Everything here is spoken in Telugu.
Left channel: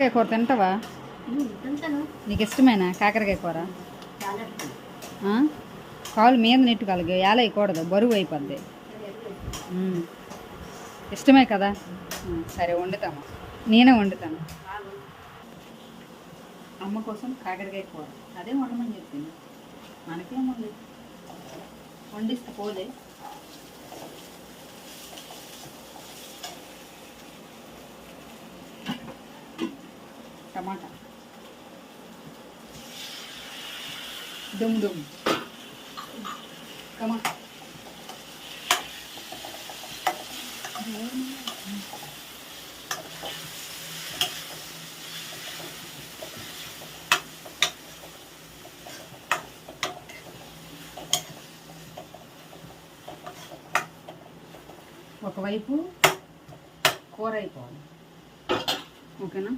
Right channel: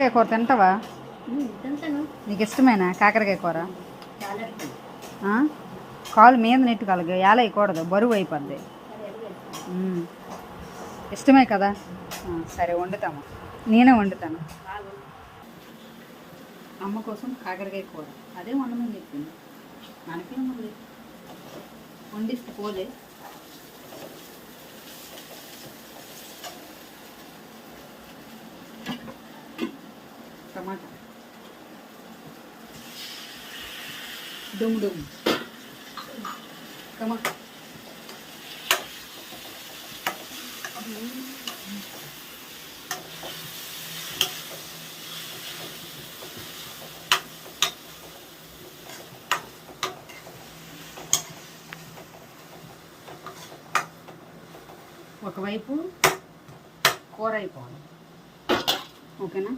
కాకరకాయ కూర తింటావా? తింటాను. నీకు ఇష్టమేనా కాకరకాయ కూర? చాలా ఇష్టం. కాలు మీద నెట్టుకోవాలి, ఏలయకూడదు, బరువు అయిపోద్ది. ఇష్టమే కదా? సరే వండుతామా, నేనే వండుతాను. అమ్మ కోసం కాకరకాయ కూర అదే వండమని చెప్పింది. మనకేముంది, వండిస్తే పోలే. టమాటా డుమ్ డుమ్ టమాటా ఒకవైపు కూర అయిపోవాలి. ఓకేనా?